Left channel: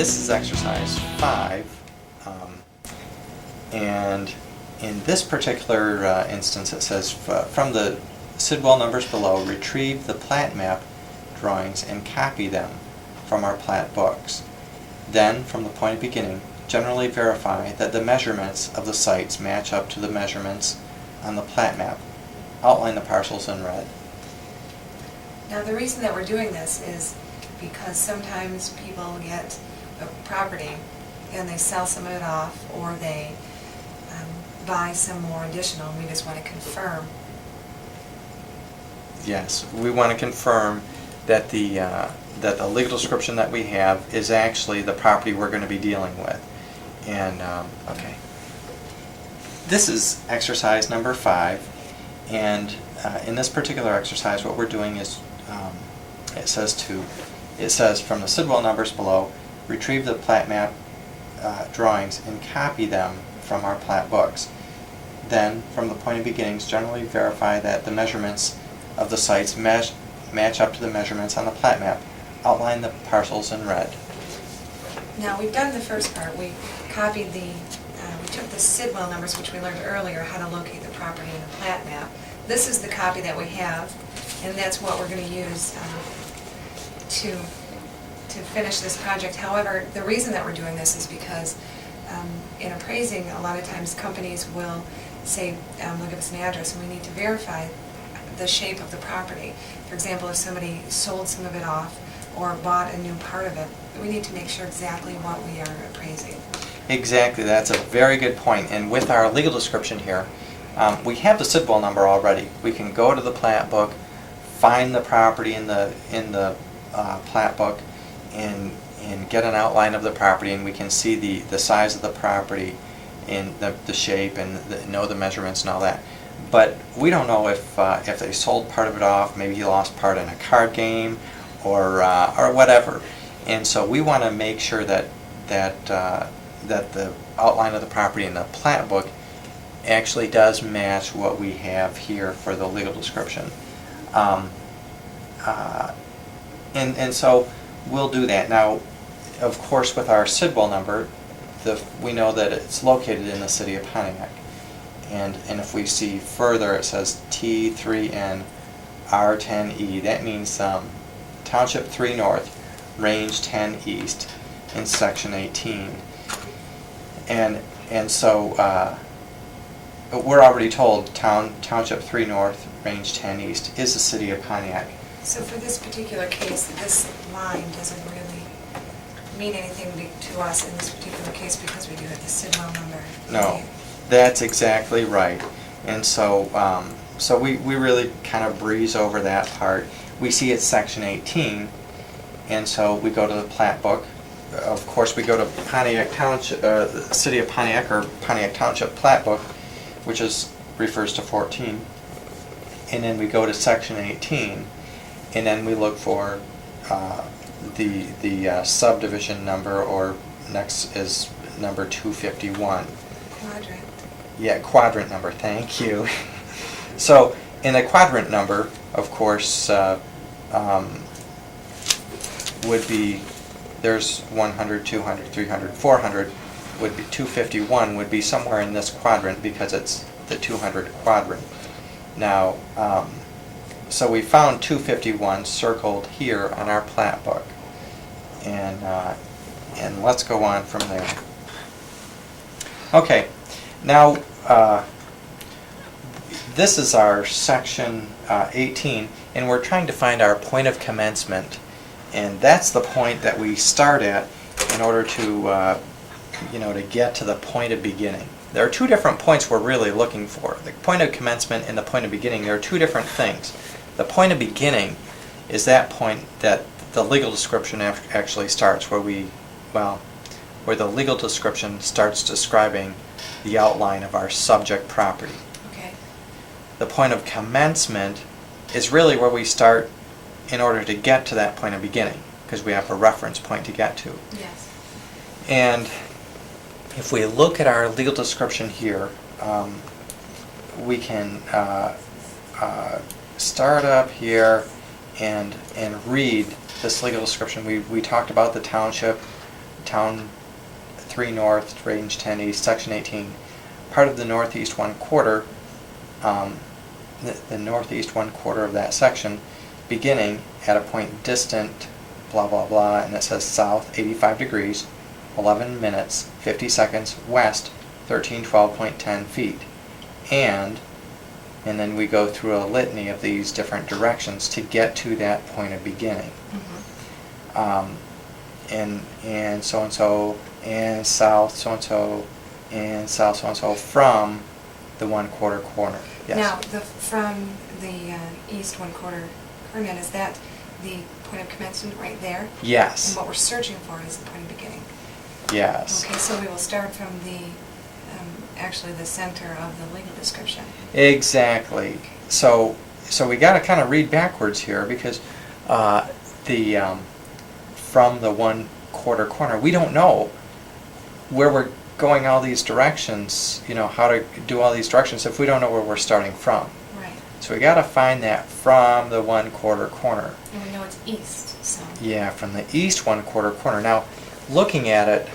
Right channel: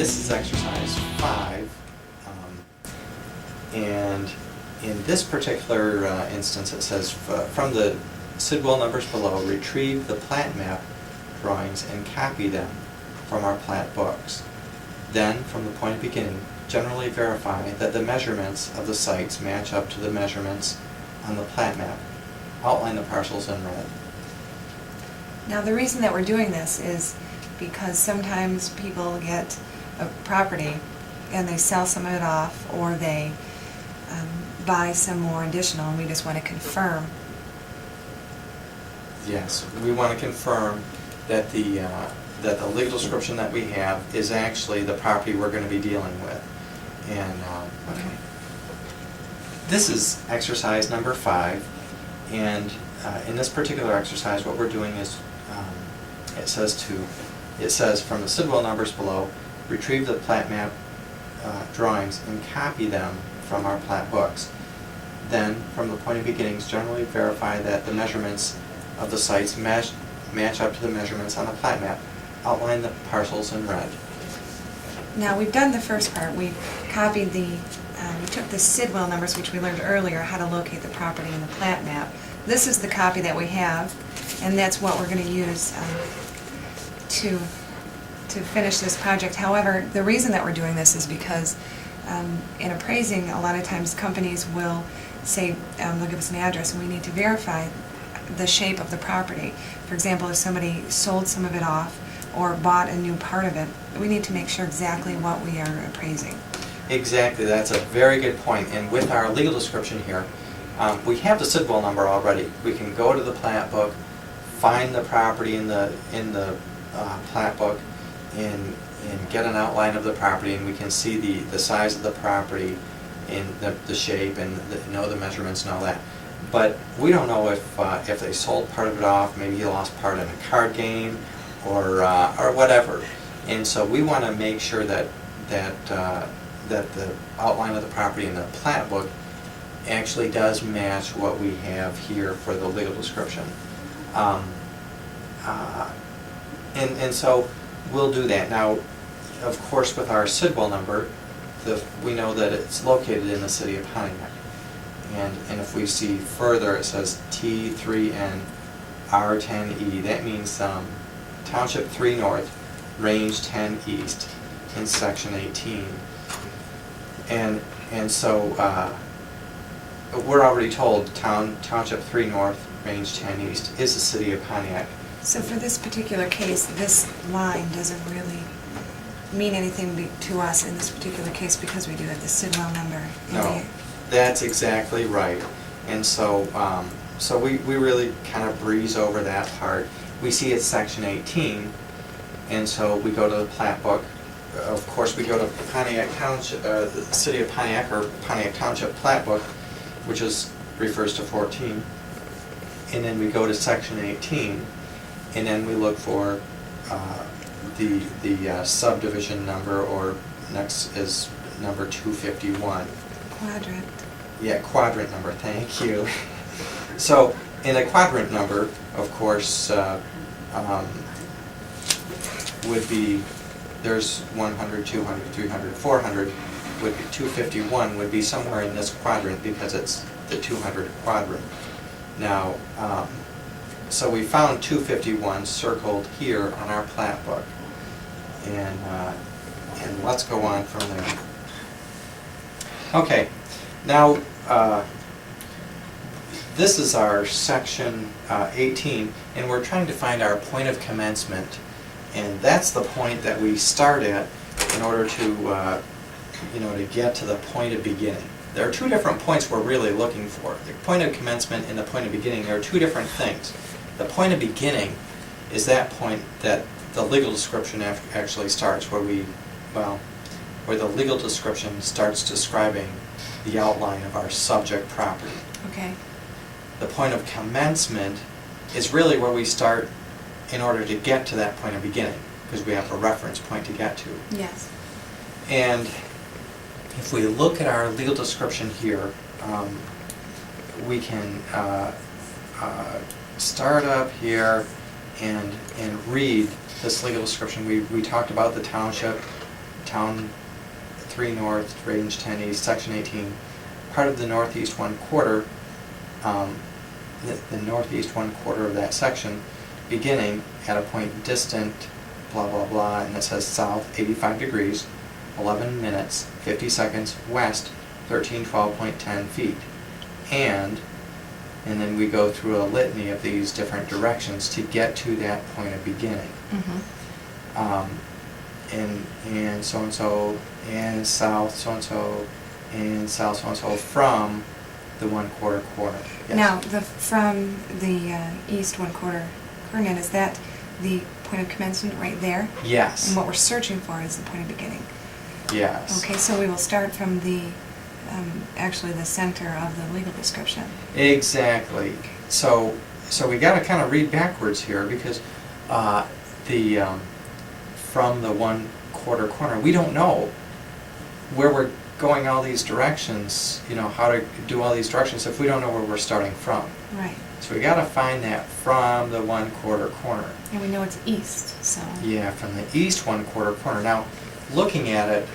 this is exercise 5, and in this particular instance it says, from the Sidwell numbers below, retrieve the plat map drawings and copy them from our plat books. Then, from the point of beginning, generally verify that the measurements of the sites match up to the measurements on the plat map. Outline the parcels in red. Now the reason that we're doing this is because sometimes people get a property and they sell some of it off, or they buy some more additional, and we just want to confirm. Yes, we want to confirm that the legal description that we have is actually the property we're going to be dealing with. And okay, this is exercise number 5, and in this particular exercise, what we're doing is it says from the Sidwell numbers below, retrieve the plat map drawings and copy them from our plat books. Then, from the point of beginnings, generally verify that the measurements of the sites match up to the measurements on the plat map. Outline the parcels in red. Now we've done the first part. We copied we took the Sidwell numbers, which we learned earlier, how to locate the property in the plat map. This is the copy that we have, and that's what we're going to use to finish this project. However, the reason that we're doing this is because in appraising, a lot of times companies will say, they'll give us an address, and we need to verify the shape of the property. For example, if somebody sold some of it off or bought a new part of it, we need to make sure exactly what we are appraising. Exactly, that's a very good point. And with our legal description here, we have the Sidwell number already. We can go to the plat book, find the property in the plat book, and get an outline of the property, and we can see the size of the property and the shape and know the measurements and all that. But we don't know if they sold part of it off. Maybe he lost part in a card game, or whatever. And so we want to make sure that the outline of the property in the plat book actually does match what we have here for the legal description. And so we'll do that. Now, of course, with our Sidwell number, we know that it's located in the city of Pontiac. And if we see further, it says T3N R10E. That means Township 3 North, Range 10 East, in Section 18. And so we're already told Township 3 North, Range 10 East is the city of Pontiac. So for this particular case, this line doesn't really mean anything to us in this particular case because we do have the Sidwell number. No, that's exactly right. And so so we really kind of breeze over that part. We see it's Section 18, and so we go to the plat book. Of course, we go to Pontiac Township, the city of Pontiac, or Pontiac Township plat book, which refers to 14. And then we go to Section 18, and then we look for the subdivision number, or next is number 251. Quadrant. Yeah, quadrant number, thank you. So in the quadrant number, of course, would be, there's 100, 200, 300, 400, would be 251 would be somewhere in this quadrant because it's the 200 quadrant. Now, so we found 251 circled here on our plat book, and let's go on from there. Okay, now this is our Section 18, and we're trying to find our point of commencement, and that's the point that we start at in order to to get to the point of beginning. There are two different points we're really looking for. The point of commencement and the point of beginning, there are two different things. The point of beginning is that point that the legal description actually starts, where the legal description starts describing the outline of our subject property. Okay. The point of commencement is really where we start in order to get to that point of beginning, because we have a reference point to get to. Yes. And if we look at our legal description here, we can start up here and read this legal description. We talked about the township Town 3 North, Range 10 East, Section 18, part of the northeast 1/4, the northeast 1/4 of that section, beginning at a point distant, blah, blah, blah, and it says south 85 degrees, 11 minutes, 50 seconds, west 1312.10 feet. And then we go through a litany of these different directions to get to that point of beginning. And so-and-so, and south so-and-so, and south so-and-so from the 1/4 corner. Yes. Now, from the east 1/4 corner, is that the point of commencement right there? Yes. And what we're searching for is the point of beginning. Yes. Okay, so we will start from the, actually the center of the legal description. Exactly. So we got to kind of read backwards here because from the 1/4 corner, we don't know where we're going all these directions, how to do all these directions if we don't know where we're starting from. Right. So we got to find that from the 1/4 corner. And we know it's east, so. Yeah, from the east 1/4 corner. Now, looking at it,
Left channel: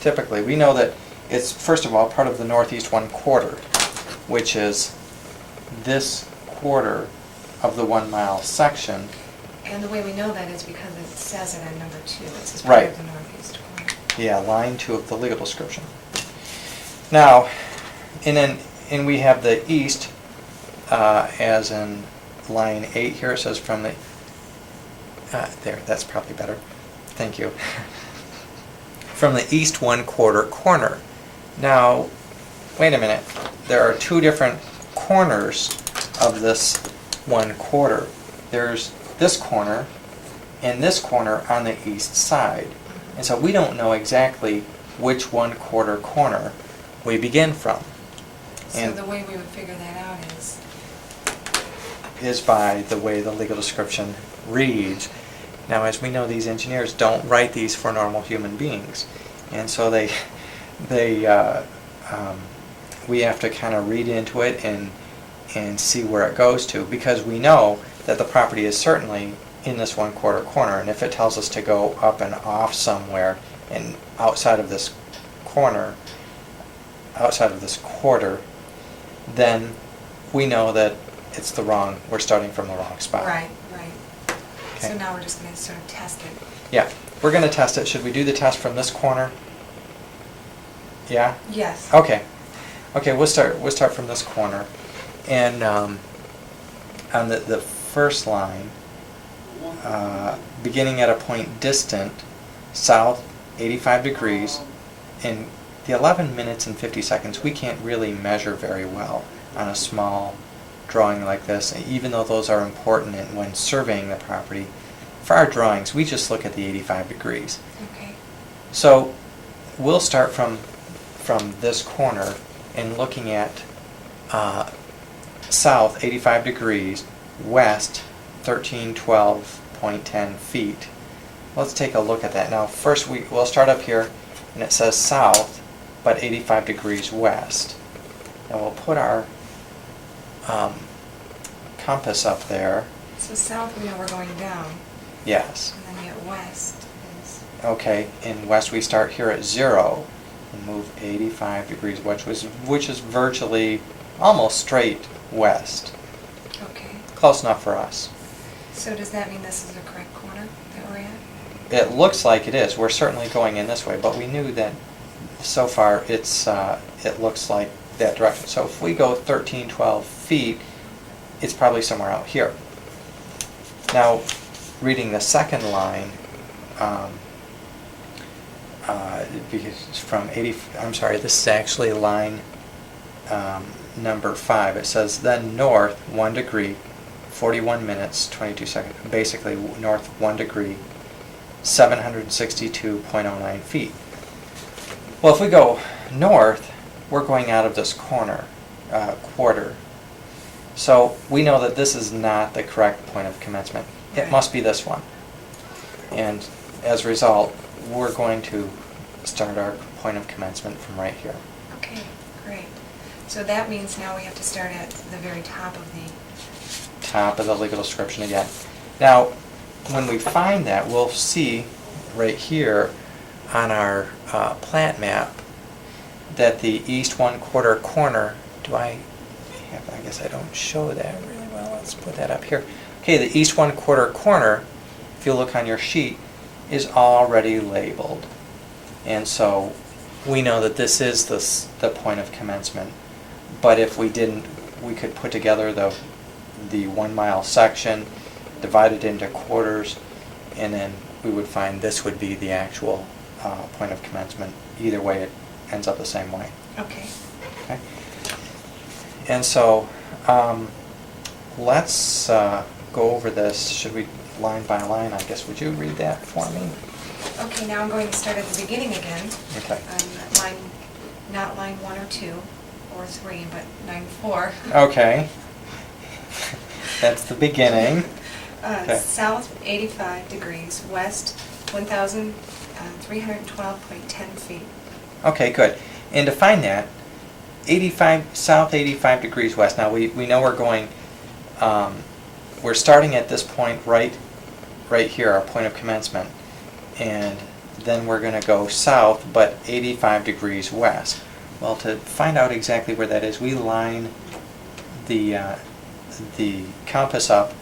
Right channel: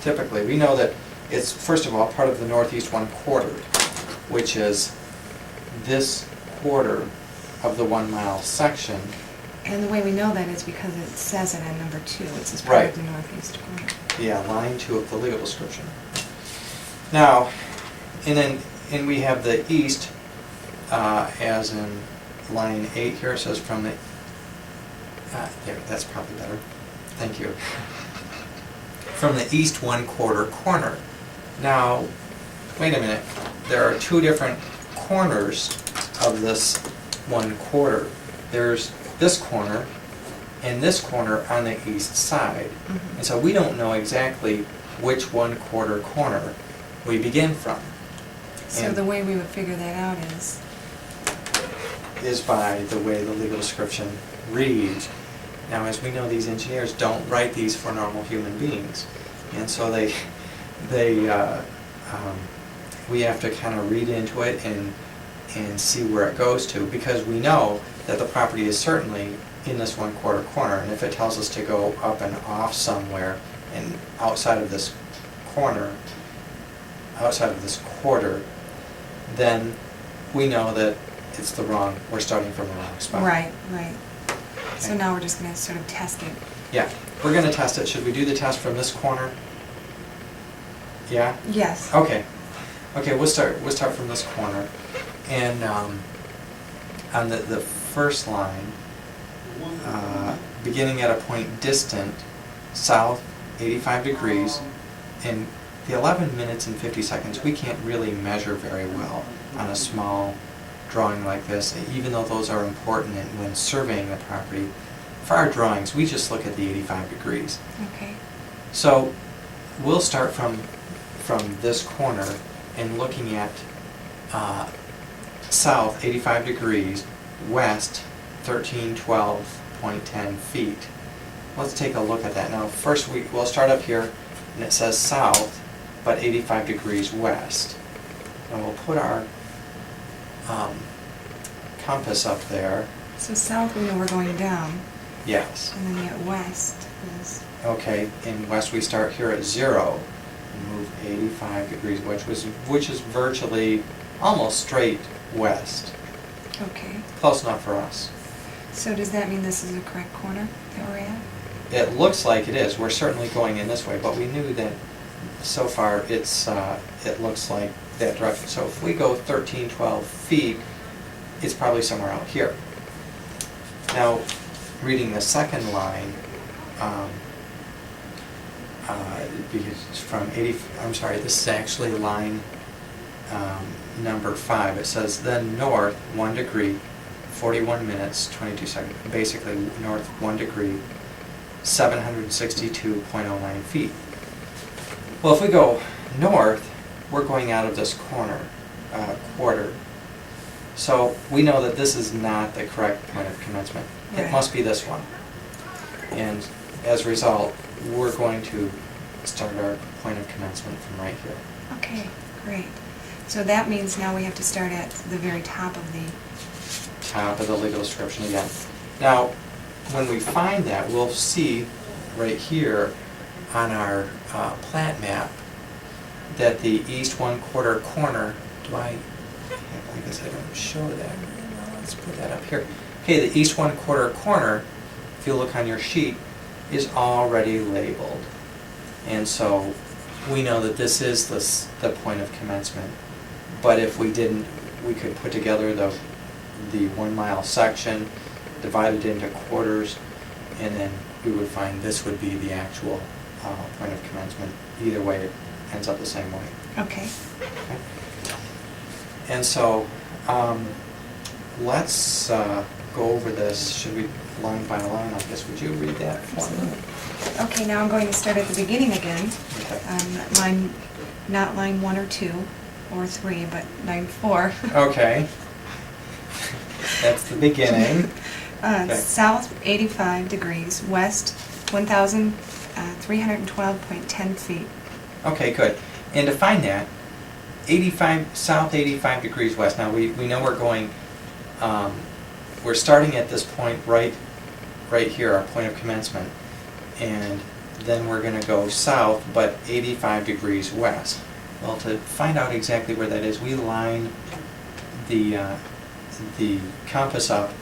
typically, we know that it's, first of all, part of the northeast 1/4, which is this quarter of the 1 mile section. And the way we know that is because it says it on number 2. It says part Right. of the northeast corner. Yeah, line 2 of the legal description. Now, and we have the east, as in line 8 here, it says from the, there, that's probably better. Thank you. From the east 1/4 corner. Now, wait a minute. There are 2 different corners of this 1/4. There's this corner and this corner on the east side. Mhm. And so we don't know exactly which 1/4 corner we begin from. So And the way we would figure that out is by the way the legal description reads. Now, as we know, these engineers don't write these for normal human beings. And so we have to kind of read into it and see where it goes to, because we know that the property is certainly in this 1/4 corner, and if it tells us to go up and off somewhere and outside of this corner, outside of this quarter, then we know that we're starting from the wrong spot. right, right. So Okay. now we're just going to sort of test it. Yeah, we're going to test it. Should we do the test from this corner? Yeah? Yes. Okay. Okay, we'll start from this corner. And on the first line, beginning at a point distant, south 85 degrees, in the 11 minutes and 50 seconds, we can't really measure very well on a small drawing like this, even though those are important when surveying the property. For our drawings, we just look at the 85 degrees. Okay. So we'll start from this corner and looking at south 85 degrees, west 1312.10 feet. Let's take a look at that. Now first we'll start up here, and it says south but 85 degrees west. And we'll put our compass up there. So south we know we're going down, Yes. and then yet west is... Okay, in west we start here at 0 and move 85 degrees, which is virtually almost straight west. Okay. Close enough for us. So does that mean this is a correct corner that we're at? It looks like it is. We're certainly going in this way, but we knew that so far it looks like that direction. So if we go 12 feet, it's probably somewhere out here. Now, reading the second line, because it's from 80, I'm sorry, this is actually line number 5. It says then north 1 degree, 41 minutes, 22 seconds, basically north 1 degree, 762.09 feet. Well, if we go north, we're going out of this quarter. So we know that this is not the correct point of commencement. It Right. must be this one. And as a result, we're going to start our point of commencement from right here. Okay, great. So that means now we have to start at the very top of the... Top of the legal description again. Now, when we find that, we'll see right here, on our plat map that the east 1/4 corner, I guess I don't show that really well. Let's put that up here. Okay, the east 1/4 corner, if you look on your sheet, is already labeled. And so we know that this is the point of commencement. But if we didn't, we could put together the 1 mile section, divide it into quarters, and then we would find this would be the actual point of commencement. Either way, it ends up the same way. Okay. Okay. And so let's go over this. Should we line by line, I guess? Would you read that for me? Okay, now I'm going to start at the beginning again. Okay. Line, not line 1 or 2 or 3, but line 4. Okay. That's the beginning. Okay. South 85 degrees, west 1,312.10 feet. Okay, good. And to find that, 85 south 85 degrees west. Now we know we're going. We're starting at this point right here, our point of commencement, and then we're going to go south, but 85 degrees west. Well, to find out exactly where that is, we line the compass up,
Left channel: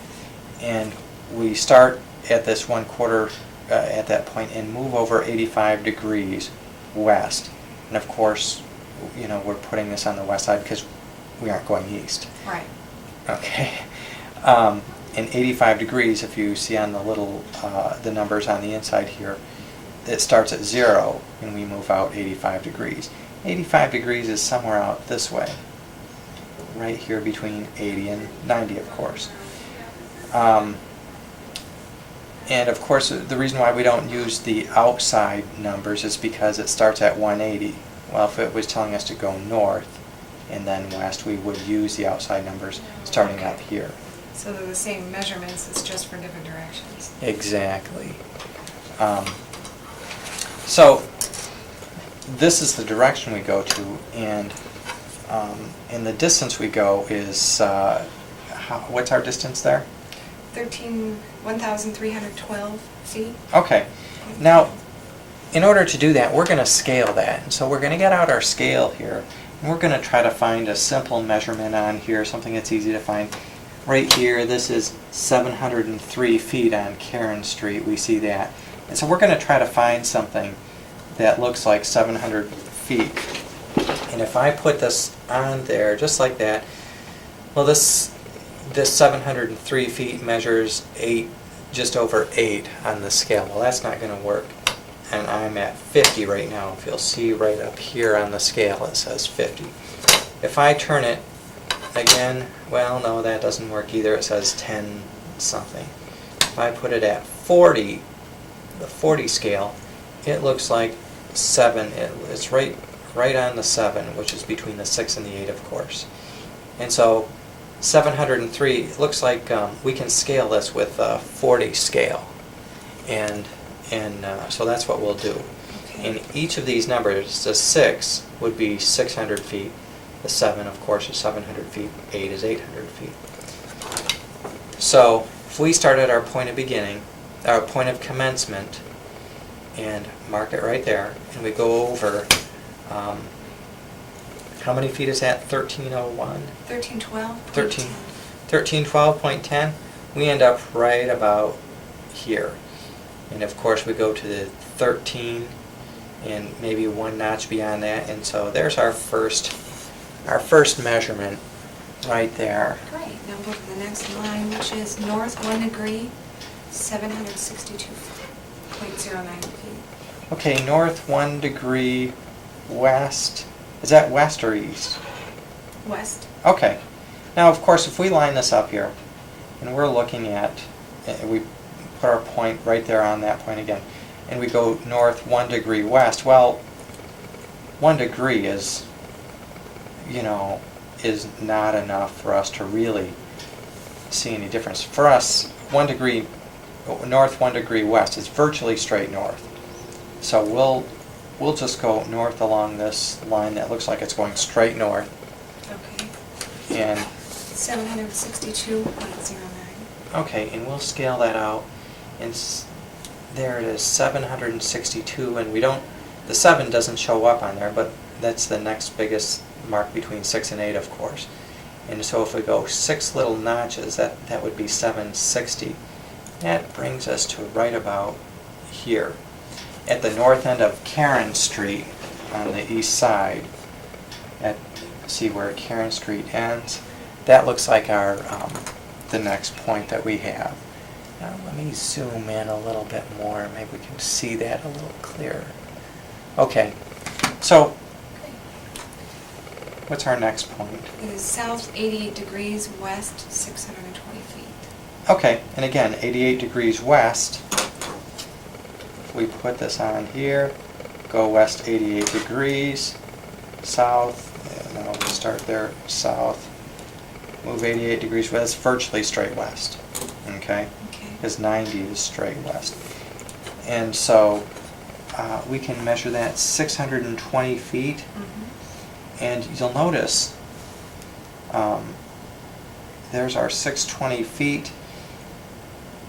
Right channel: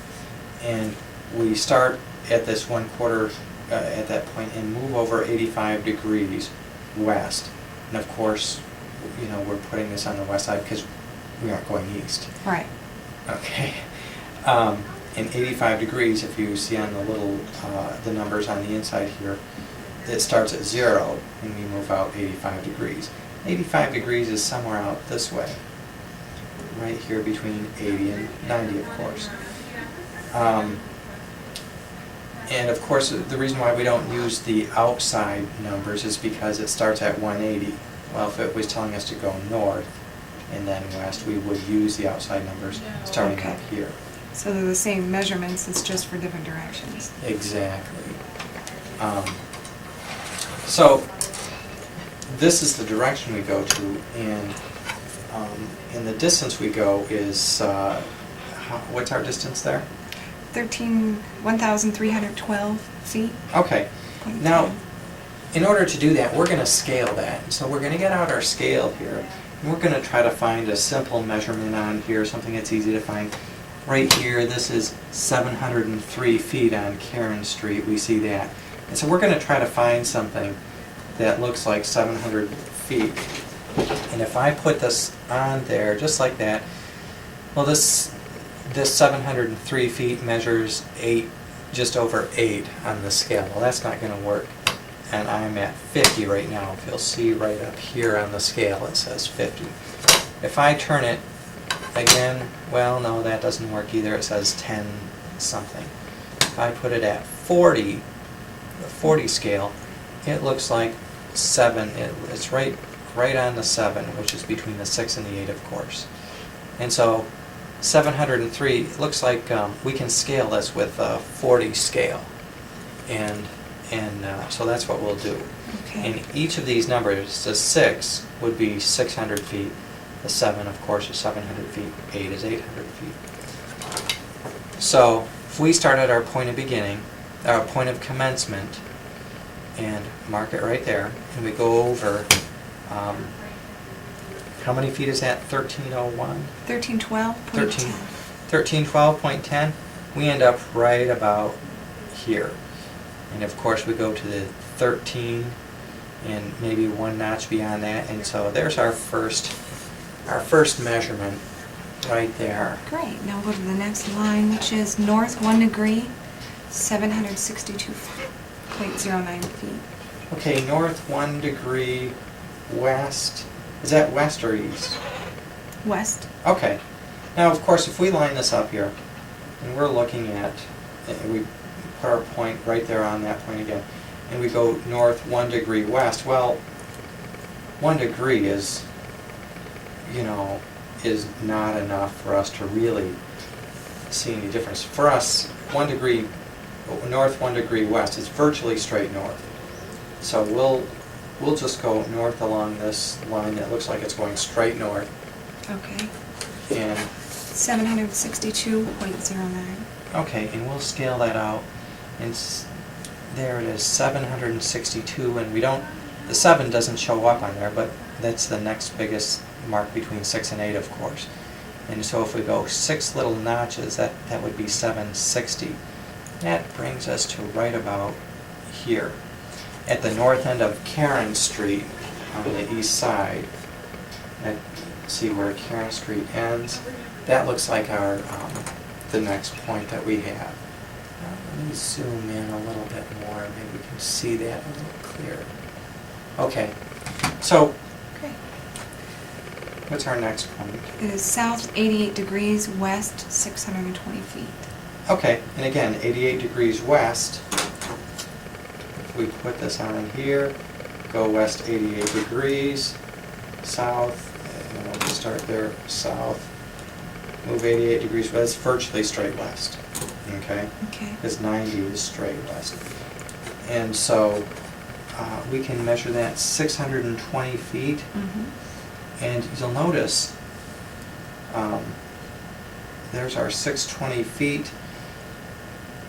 and we start at this 1/4 at that point and move over 85 degrees west. And of course, you know, we're putting this on the west side because we aren't going east. Right. Okay. And 85 degrees, if you see on the little the numbers on the inside here, it starts at 0 and we move out 85 degrees. 85 degrees is somewhere out this way, right here between 80 and 90, of course. And of course, the reason why we don't use the outside numbers is because it starts at 180. Well, if it was telling us to go north and then west, we would use the outside numbers starting Okay. up here. So they're the same measurements, it's just for different directions. Exactly. So this is the direction we go to, and the distance we go is, what's our distance there? 1,312 feet. Okay. Now, in order to do that, we're going to scale that. And so we're going to get out our scale here, and we're going to try to find a simple measurement on here, something that's easy to find. Right here, this is 703 feet on Karen Street. We see that. And so we're going to try to find something that looks like 700 feet. And if I put this on there, just like that, well, this 703 feet measures just over 8 on the scale. Well, that's not going to work. And I'm at 50 right now. If you'll see right up here on the scale, it says 50. If I turn it again, well, no, that doesn't work either. It says 10 something. If I put it at 40, the 40 scale, it looks like 7. It's right on the 7, which is between the 6 and the 8, of course. And so 703, it looks like we can scale this with a 40 scale. And so that's what we'll do. Okay. And each of these numbers, the 6 would be 600 feet. The 7, of course, is 700 feet. 8 is 800 feet. So if we start at our point of beginning, our point of commencement, and mark it right there, and we go over, how many feet is that? 1301? 1312.10. 1312.10. We end up right about here. And of course we go to the 13 and maybe 1 notch beyond that, and so there's our first measurement right there. Great. Now we'll go to the next line, which is north 1 degree, 762.09 feet. Okay, north 1 degree, west. Is that west or east? West. Okay. Now, of course, if we line this up here, and we're looking at, and we put our point right there on that point again, and we go north 1 degree west, well, 1 degree is, you know, is not enough for us to really see any difference. For us, 1 degree north, 1 degree west is virtually straight north. So we'll just go north along this line that looks like it's going straight north. Okay. And 762.09. okay, and we'll scale that out. And there it is, 762, and we don't, the 7 doesn't show up on there, but that's the next biggest mark between 6 and 8, of course. And so if we go 6 little notches, that would be 760. That brings us to right about here. At the north end of Karen Street on the east side, see where Karen Street ends? That looks like our the next point that we have. Now let me zoom in a little bit more. Maybe we can see that a little clearer. Okay, so Great. what's our next point? It is south 88 degrees, west 620 feet. Okay, and again, 88 degrees west. We put this on here, go west 88 degrees, south, and then we'll start there, south, move 88 degrees west, virtually straight west, okay? Okay. Because 90 is straight west. And so we can measure that 620 feet, and you'll notice there's our 620 feet.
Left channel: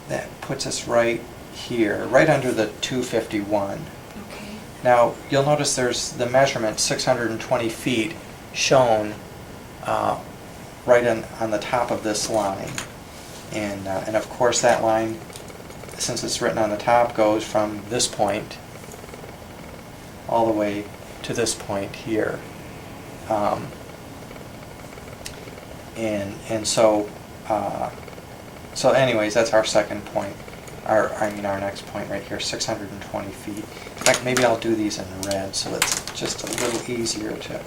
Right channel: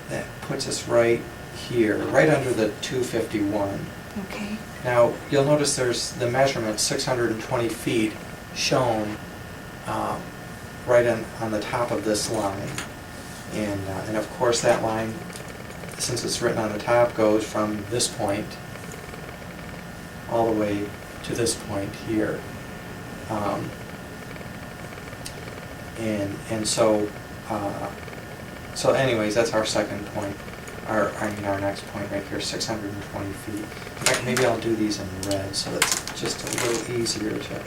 That puts us right here, right under the 251. Okay. Now, you'll notice there's the measurement, 620 feet, shown right on the top of this line. And of course that line, since it's written on the top, goes from this point all the way to this point here. And so, so anyways, that's our second point. Our next point right here, 620 feet. In fact, maybe I'll do these in red so it's just a little easier to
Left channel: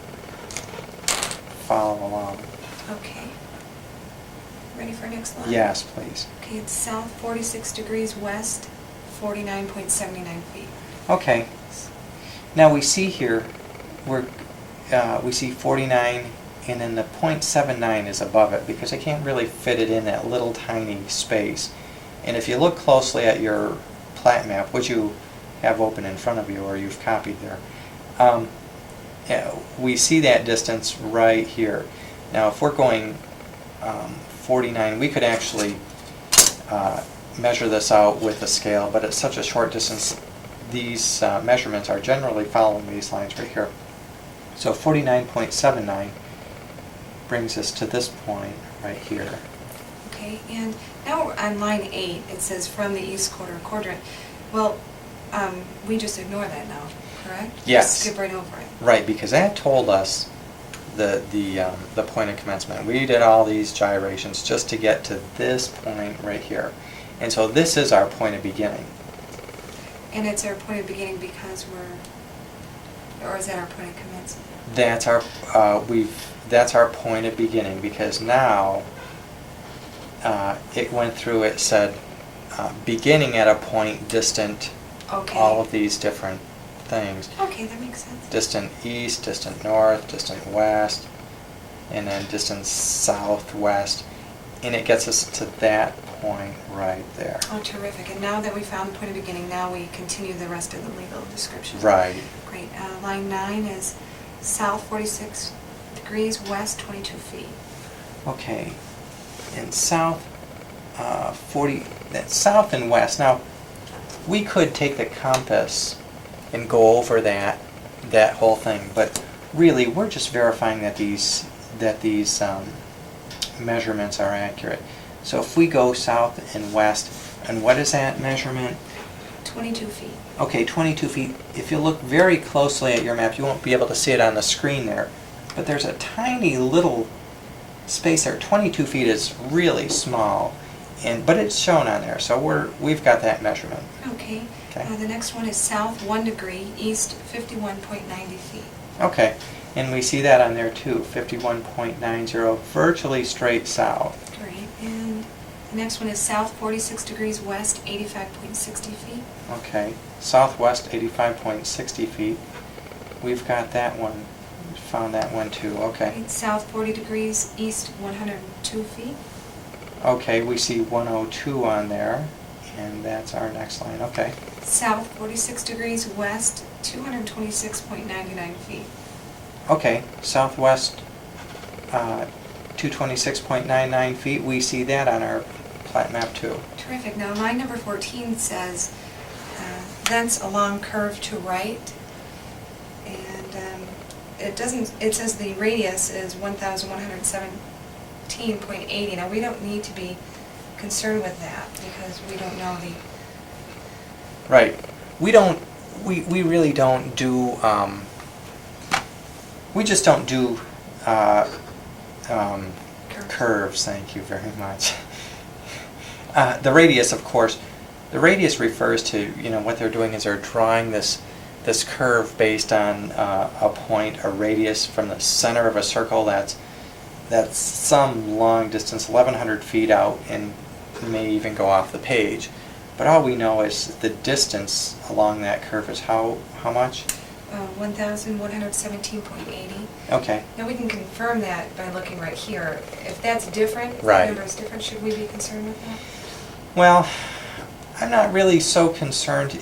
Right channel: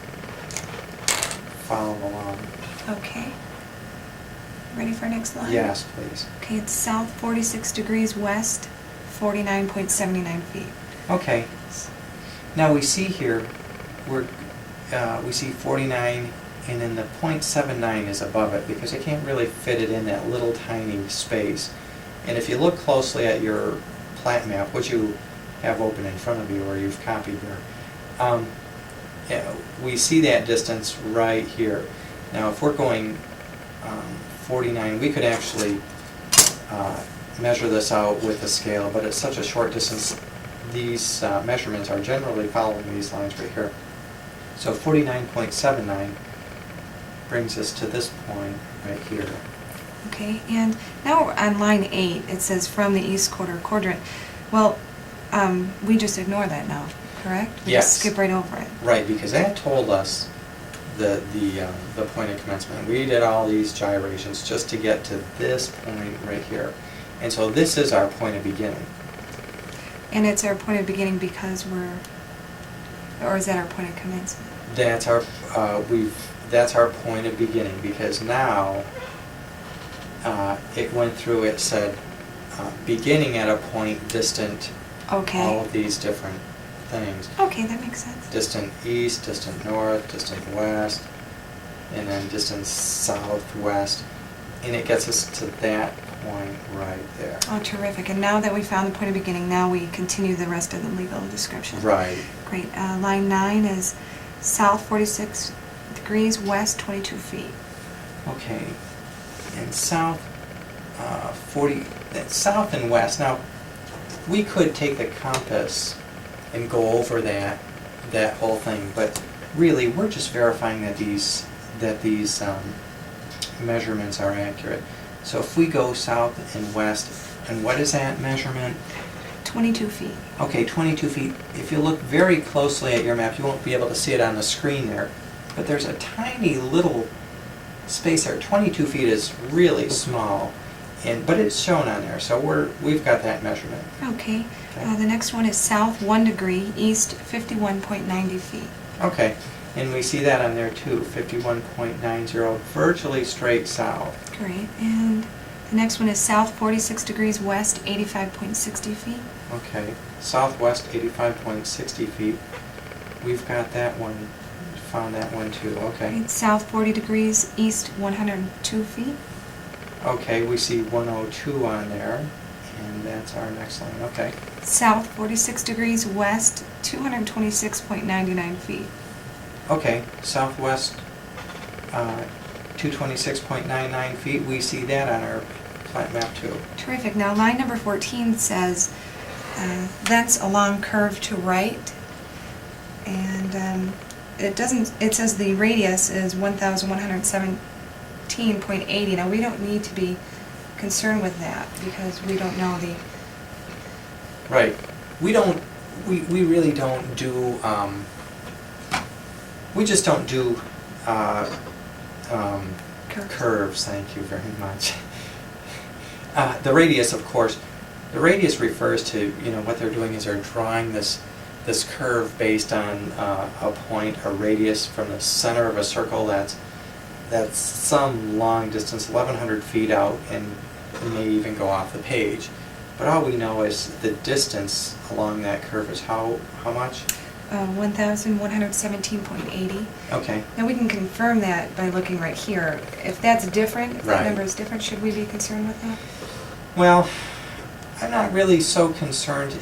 follow along. Okay. Ready for next line? Yes, please. Okay, it's south 46 degrees west, 49.79 feet. Okay. Now we see here, we see 49, and then the .79 is above it because I can't really fit it in that little tiny space. And if you look closely at your plat map, which you have open in front of you or you've copied there, we see that distance right here. Now if we're going 49, we could actually measure this out with a scale, but it's such a short distance. These measurements are generally following these lines right here. So 49.79 brings us to this point right here. Okay, and now we're on line 8. It says from the east quadrant. Well, we just ignore that now, correct? We Yes. just skip right over it. Right, because that told us the point of commencement. We did all these gyrations just to get to this point right here. And so this is our point of beginning. And it's our point of beginning because or is that our point of commencement? That's our point of beginning because now it went through, it said beginning at a point distant Okay. all of these different things. Okay, that makes sense. Distant east, distant north, distant west, and then distant southwest. And it gets us to that point right there. Oh, terrific. And now that we found the point of beginning, now we continue the rest of the legal description. Right. Great. Line 9 is south 46 degrees, west 22 feet. Okay. And south, south and west. Now, we could take the compass and go over that whole thing, but really, we're just verifying that these measurements are accurate. So if we go south and west, and what is that measurement? 22 feet. Okay, 22 feet. If you look very closely at your map, you won't be able to see it on the screen there, but there's a tiny little space there. 22 feet is really small, but it's shown on there, so we've got that measurement. Okay. Okay. The next one is south 1 degree, east 51.90 feet. Okay, and we see that on there too, 51.90, virtually straight south. Great. And the next one is south 46 degrees, west 85.60 feet. Okay, southwest 85.60 feet. We've got that one, found that one too, okay. Great. South 40 degrees, east 102 feet. Okay, we see 102 on there, and that's our next line, okay. South 46 degrees, west 226.99 feet. Okay, southwest 226.99 feet, we see that on our plat map too. Terrific. Now line number 14 says thence along curve to right. And it says the radius is 1,117.80. Now, we don't need to be concerned with that because we don't know the... Right. We really don't do, we just don't do curves, thank you very much. The radius, of course, the radius refers to, what they're doing is they're drawing this curve based on a point, a radius from the center of a circle that's some long distance, 1,100 feet out, and may even go off the page. But all we know is the distance along that curve is how much? 1,117.80. Okay. Now, we can confirm that by looking right here. If that's different, if that number is different, should we be concerned with that? Well, I'm not really so concerned.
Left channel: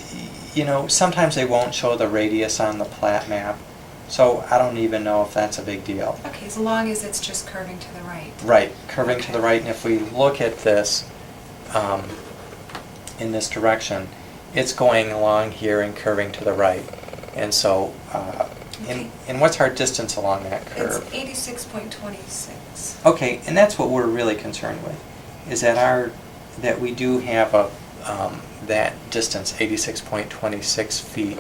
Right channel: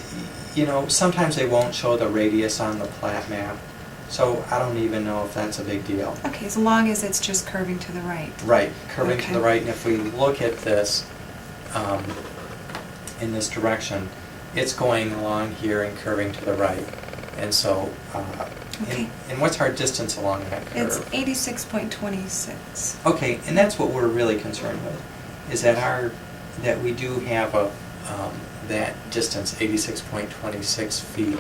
Sometimes they won't show the radius on the plat map, so I don't even know if that's a big deal. Okay, as long as it's just curving to the right. Right, curving to Okay. the right, and if we look at this in this direction, it's going along here and curving to the right. And so, Okay. and what's our distance along that It's curve? 86.26. Okay, and that's what we're really concerned with, is that we do have that distance, 86.26 feet,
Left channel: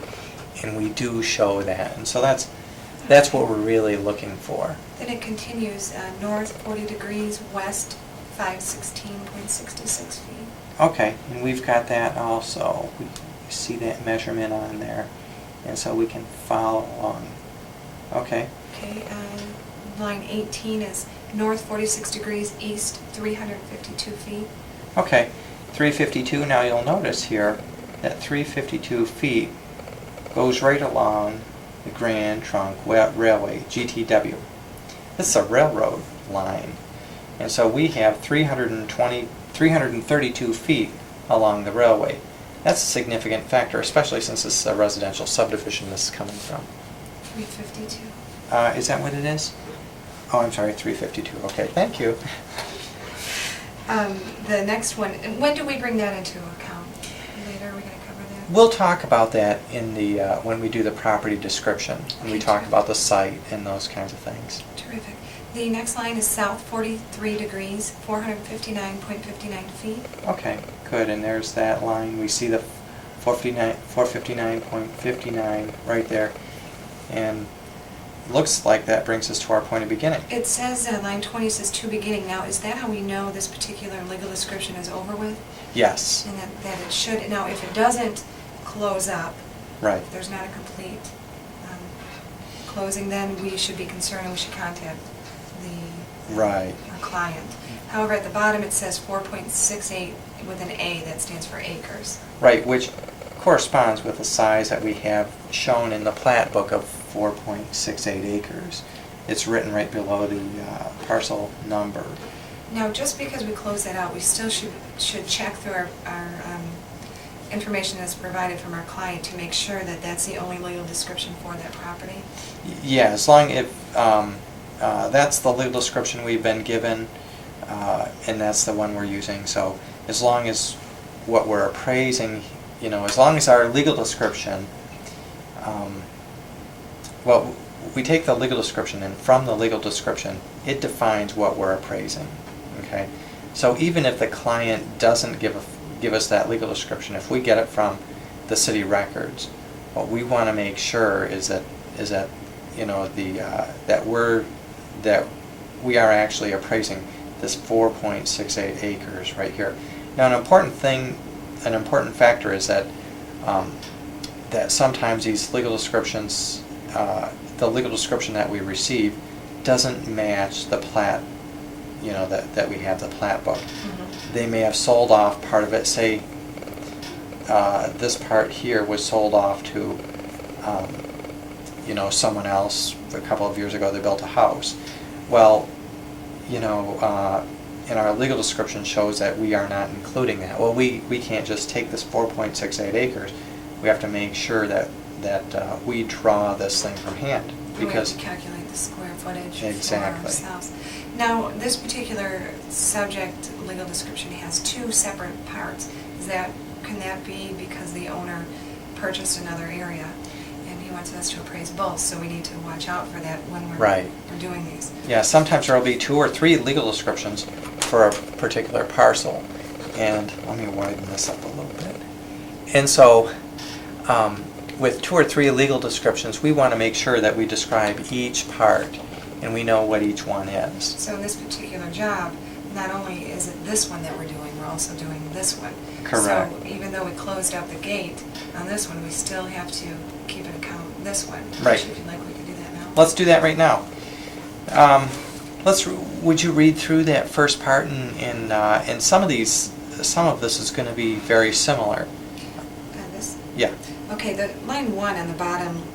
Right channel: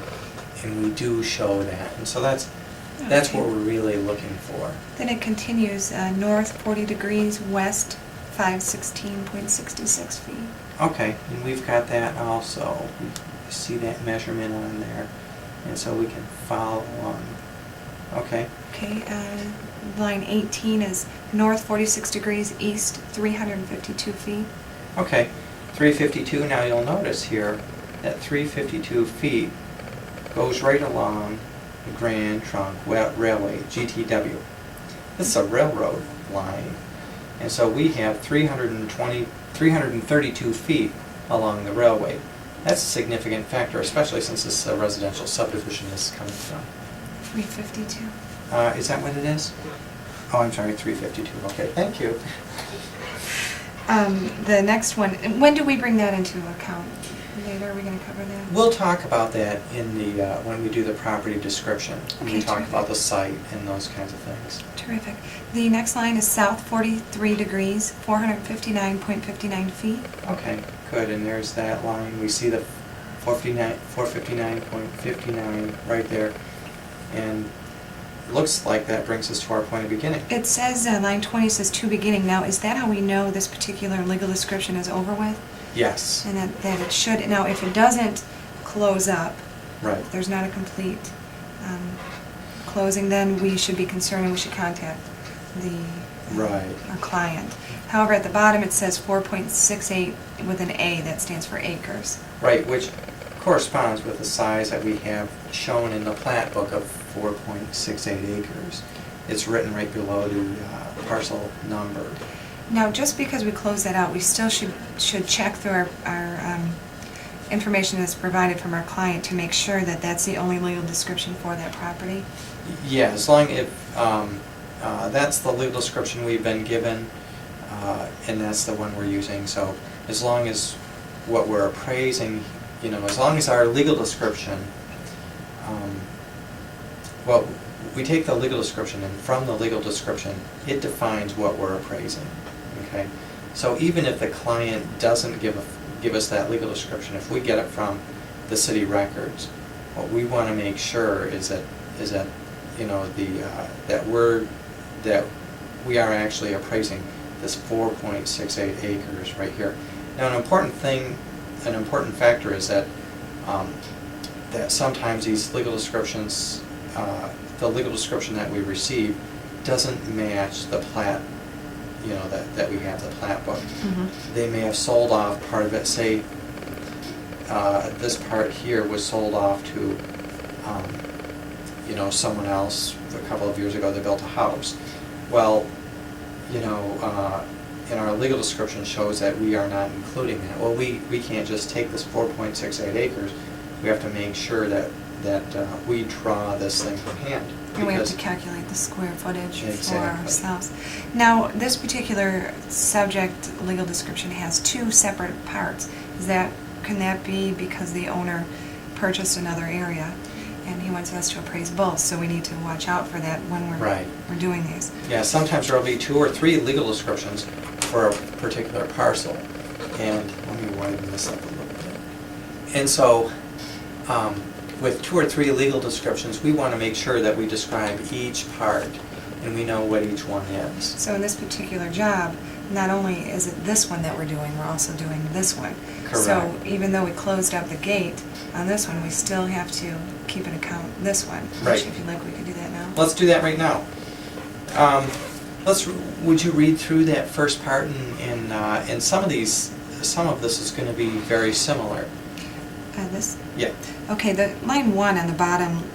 and we do show that. And so that's what Okay. we're really looking for. Then it continues north 40 degrees, west 516.66 feet. Okay, and we've got that also. We see that measurement on there, and so we can follow along. Okay. Okay, line 18 is north 46 degrees, east 352 feet. Okay, 352. Now you'll notice here that 352 feet goes right along the Grand Trunk Railway, GTW. This is a railroad line, and so we have 332 feet along the railway. That's a significant factor, especially since this is a residential subdivision this is coming from. 352. Is that what it is? Oh, I'm sorry, 352. Okay, thank you. The next one, when do we bring that into account? Later, are we going to cover that? We'll talk about that in the when we do the property description, when we Okay, talk terrific. about the site and those kinds of things. Terrific. The next line is south 43 degrees, 459.59 feet. Okay, good. And there's that line. We see the 459.59 right there, and looks like that brings us to our point of beginning. It says, line 20 says to beginning. Now, is that how we know this particular legal description is over with? Yes. And that it should, now if it doesn't close up, Right. if there's not a complete closing, then we should be concerned and we should contact Right. our client. However, at the bottom it says 4.68 with an A, that stands for acres. Right, which corresponds with the size that we have shown in the plat book of 4.68 acres. It's written right below the parcel number. Now, just because we close that out, we still should check through our information that's provided from our client to make sure that that's the only legal description for that property. Yeah, as long as that's the legal description we've been given, and that's the one we're using. So as long as what we're appraising, as long as our legal description, we take the legal description, and from the legal description, it defines what we're appraising. Okay, so even if the client doesn't give us that legal description, if we get it from the city records, what we want to make sure is that that we are actually appraising this 4.68 acres right here. Now, an important factor is that that sometimes these legal descriptions, the legal description that we receive, doesn't match the plat. That we have the plat book. Mm-hmm. They may have sold off part of it. Say this part here was sold off to someone else a couple of years ago. They built a house. Well, and our legal description shows that we are not including that. Well, we can't just take this 4.68 acres. We have to make sure that we draw this thing from hand. And we have to calculate the square footage Exactly. for ourselves. Now, this particular subject legal description has two separate parts. Is that can that be because the owner purchased another area and he wants us to appraise both? So we need to watch out for that when Right. we're doing these. Yeah, sometimes there'll be 2 or 3 legal descriptions for a particular parcel. And let me widen this up a little bit. And so, with 2 or 3 legal descriptions, we want to make sure that we describe each part and we know what each one is. So in this particular job, not only is it this one that we're doing, we're also doing this one. Correct. So even though we closed up the gate on this one, we still have to keep in account this one. Right. Which, if you'd like, we could do that now. Let's do that right now. Would you read through that first part, and some of this is going to be very similar. This? Yeah. Okay, the line 1 on the bottom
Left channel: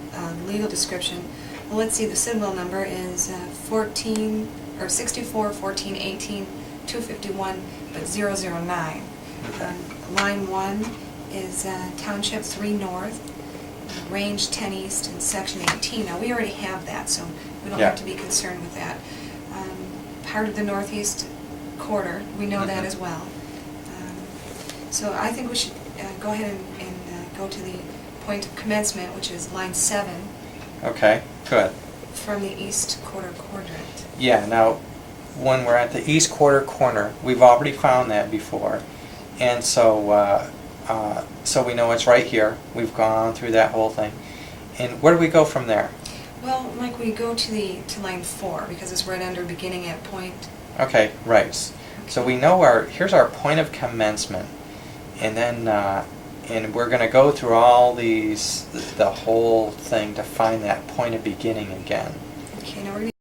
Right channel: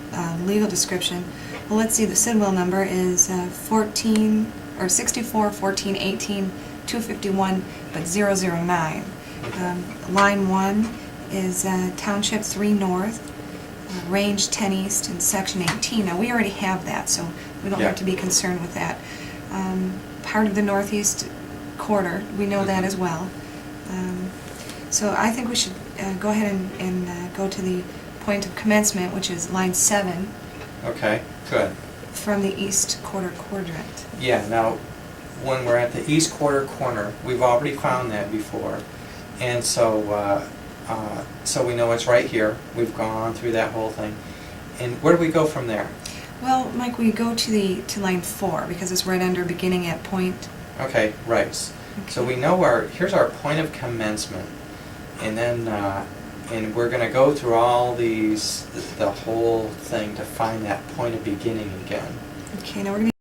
legal description. Well, let's see. The Sidwell number is 64 14 18 251, but 009. Okay. Line 1 is Township 3 North, Range 10 East, and Section 18. Now we already have that, so we don't Yeah. have to be concerned with that. Part of the Northeast quarter, we know that Mhm. as well. So I think we should go ahead and go to the point of commencement, which is line 7 Okay, good. from the east quarter quadrant. Yeah, now, when we're at the east quarter corner, we've already found that before, and so we know it's right here. We've gone through that whole thing. And where do we go from there? Well, Mike, we go to line 4 because it's right under beginning at point. Okay, right. So we know here's our point of commencement, and then and we're going to go through all these, the whole thing to find that point of beginning again. Okay, now we're going to